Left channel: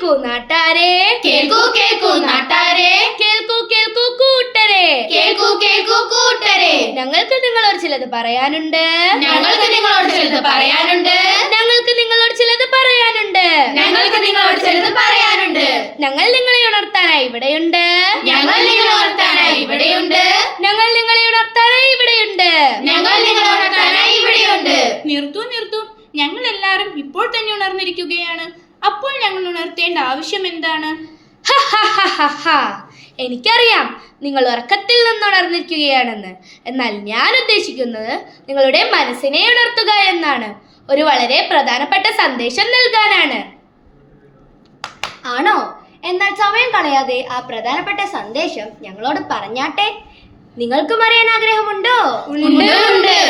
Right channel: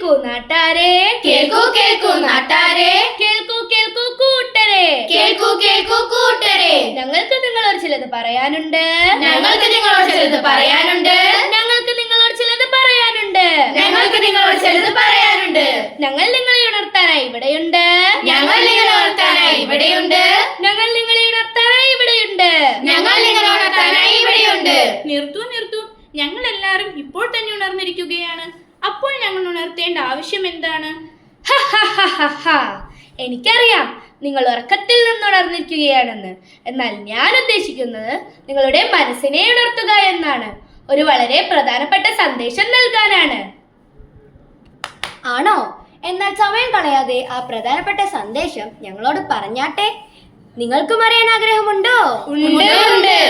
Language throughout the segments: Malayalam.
കേൾക്കൂ നാട്ടാരെ, കേൾക്കൂ കേൾക്കൂ നാട്ടാരെ, കേൾക്കൂ കേൾക്കൂ കൂട്ടരെ, കേൾക്കൂ കേൾക്കൂ കൂട്ടരെ. ഞങ്ങൾക്ക് നിങ്ങളോട് ചിലത് പറയാനുണ്ട്, ഞങ്ങൾക്ക് നിങ്ങളോട് ചിലത് പറയാനുണ്ട്, ഞങ്ങൾക്ക് നിങ്ങളോട് ചിലത് പറയാനുണ്ട്, ഞങ്ങൾക്ക് നിങ്ങളോട് ചിലത് പറയാനുണ്ട്. ഞങ്ങൾ നിങ്ങളെ ഉണർത്താനായി ഇവിടെയുണ്ട്, ഞങ്ങൾ നിങ്ങളെ ഉണർത്താനായി ഇവിടെയുണ്ട്, ഞങ്ങൾ നിങ്ങളെ ഉണർത്താനായി ഇവിടെയുണ്ട്, ഞങ്ങൾ നിങ്ങളെ ഉണർത്താനായി ഇവിടെയുണ്ട്. നിർത്തൂ നിർത്തൂ, ഞങ്ങൾ എല്ലാവരും ഇപ്പോൾ തന്നെ ഉണർന്നിരിക്കുകയാണ്. അപ്പോൾ ഞങ്ങൾ ഉണർത്തേണ്ട ആവശ്യം എന്താണ്? എനിക്കറിയാം നിങ്ങൾ ഉറക്കത്തിൽ നിന്ന് ഉണർന്നിരിക്കുകയാണെന്ന്. എന്നാൽ ഞാൻ ഉദ്ദേശിക്കുന്നത് നിങ്ങളുടെ മനസ്സിനെ ഉണർത്തുക എന്നാണ്. ഒരു വളരെ പ്രധാനപ്പെട്ട സന്ദേശം നൽകാനാണ്. ആണോ? എന്നാൽ സമയം കളയാതെ ആ പ്രധാനപ്പെട്ട സന്ദേശം ഞങ്ങളോട് പറഞ്ഞാട്ടെ. നിങ്ങൾക്കും അറിയാൻ ആഗ്രഹമുണ്ടോ? ഉണ്ട്.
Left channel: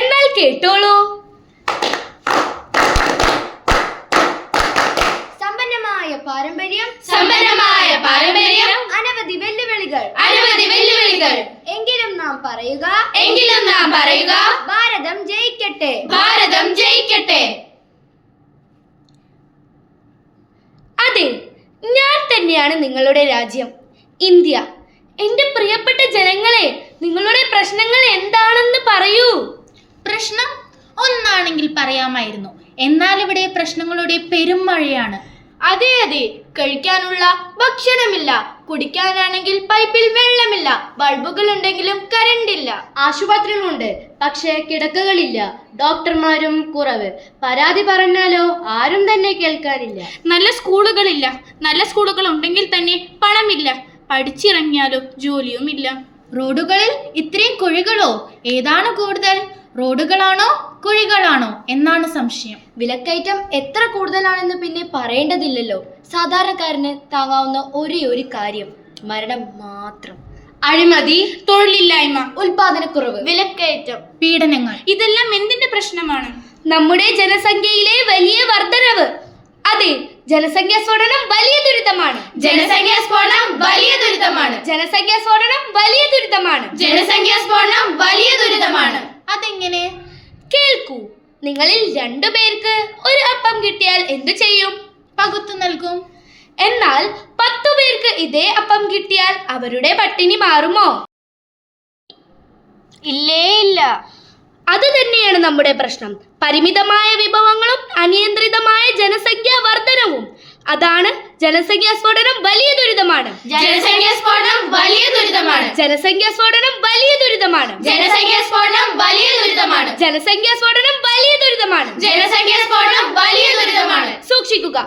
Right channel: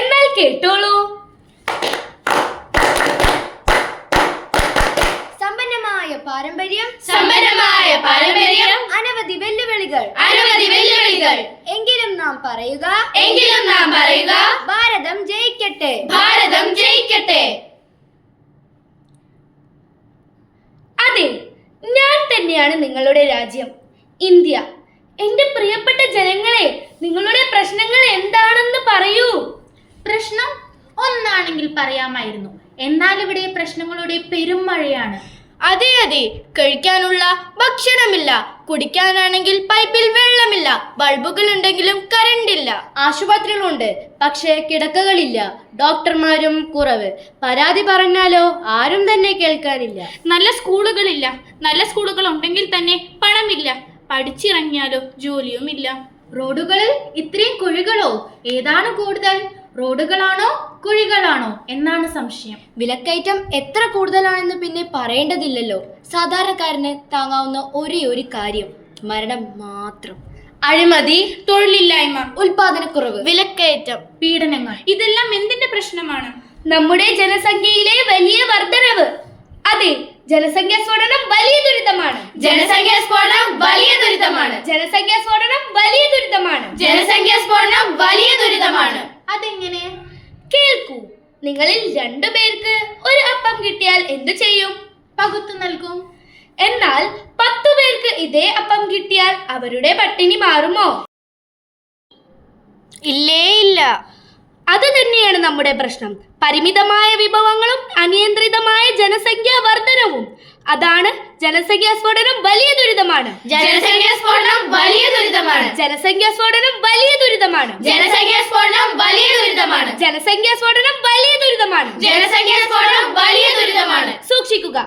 എന്നാൽ കേട്ടോളൂ. സമ്പന്നമായ പാരമ്പര്യം, സമ്പന്നമായ പാരമ്പര്യം, അനവധി വെല്ലുവിളികൾ, അനവധി വെല്ലുവിളികൾ. എങ്കിലും നാം പറയുക, എങ്കിലും നാം പറയുക, ഭാരതം ജയിക്കട്ടെ. ഭാരതം ജയിക്കട്ടെ. അതെ, ഞാൻ തന്നെയാണ് നിങ്ങളുടെ രാജ്യം, ഇന്ത്യ. എന്റെ പ്രിയപ്പെട്ട ജനങ്ങളെ, നിങ്ങളുടെ പ്രശ്നങ്ങൾ എന്താണെന്ന് പറയൂ. പ്രശ്നം ഒന്നാണെങ്കിൽ പറയാമായിരുന്നു. എന്നാൽ ഇവിടെ പ്രശ്നങ്ങളുടെ പെരുമഴയാണ്. അതെ അതെ, കഴിക്കാനുള്ള ഭക്ഷണമില്ല, കുടിക്കാനാണെങ്കിൽ പൈപ്പിൽ വെള്ളമില്ല, ബൾബുകൾ ഉണ്ടെങ്കിലും കറണ്ടില്ല. ആശുപത്രികളുണ്ട്, പക്ഷേ കിടക്കകളില്ല, ഡോക്ടർമാരും കുറവ്. പരാതി പറഞ്ഞാലോ ആരും തന്നെ കേൾക്കാനില്ല. നല്ല സ്കൂളുകളില്ല, നല്ല സ്കൂളുകൾ ഉണ്ടെങ്കിൽ തന്നെ പണമില്ല. പഠിച്ചിറങ്ങിയാലോ ജോലിയുമില്ല. റോഡുകളിൽ ഇത്രയും കുഴികളോ? ഏതാണ് കൂടുതൽ, റോഡുകളാണോ കുഴികളാണോ എന്നാണ് സംശയം. വിലക്കയറ്റം എത്ര കൂടുതലാണെന്ന് പിന്നെ പറയേണ്ടതില്ലല്ലോ. സാധാരണക്കാരന് താങ്ങാവുന്ന ഒരേ ഒരു കാര്യം മരണം മാത്രം. അഴിമതി, തൊഴിലില്ലായ്മ, ഉൽപാദനക്കുറവ്, വിലക്കയറ്റം, പീഡനങ്ങൾ. ഇതെല്ലാം എന്തിന്റെ പ്രശ്നമാണ്? നമ്മുടെ ജനസംഖ്യയിലെ വലിയ വർധനവ്. അതെ, ജനസംഖ്യാ സ്ഫോടനം വലിയ ദുരിതമാണ്. ജനസംഖ്യാ സ്ഫോടനം വലിയ ദുരിതമാണ്. ജനസംഖ്യാ സ്ഫോടനം വലിയ ദുരിതമാണ്. ജനസംഖ്യാ സ്ഫോടനം വലിയ ദുരിതമാണ്. അതെങ്ങനെ? കേൾക്കൂ. നിങ്ങളിൽ 2 പേർക്ക് ഒരു അപ്പം കിട്ടിയാൽ എന്തു ചെയ്യും? പകുത്തു നൽകും. എന്നാൽ 10 പേർക്ക് ഇതേ അപ്പം കിട്ടിയാൽ അവരുടെ പട്ടിണി മാറുമോ? ഇല്ലേ ഇല്ല. അത് തന്നെയാണ് നമ്മുടെ പ്രശ്നം. പരിമിതമായ വിഭവങ്ങളും അനിയന്ത്രിതമായ ജനസംഖ്യാ വർധനവും. അതാണ് ജനസംഖ്യാ സ്ഫോടനം വലിയ ദുരിതമാണ്. ജനസംഖ്യാ സ്ഫോടനം വലിയ ദുരിതമാണ്. ജനസംഖ്യാ സ്ഫോടനം വലിയ ദുരിതമാണ്. ജനസംഖ്യാ സ്ഫോടനം വലിയ ദുരിതമാണ്. ജനസംഖ്യാ സ്ഫോടനം വലിയ ദുരിതമാണ്. ജനസംഖ്യാ സ്ഫോടനം വലിയ ദുരിതമാണ്. സൂക്ഷിക്കുക.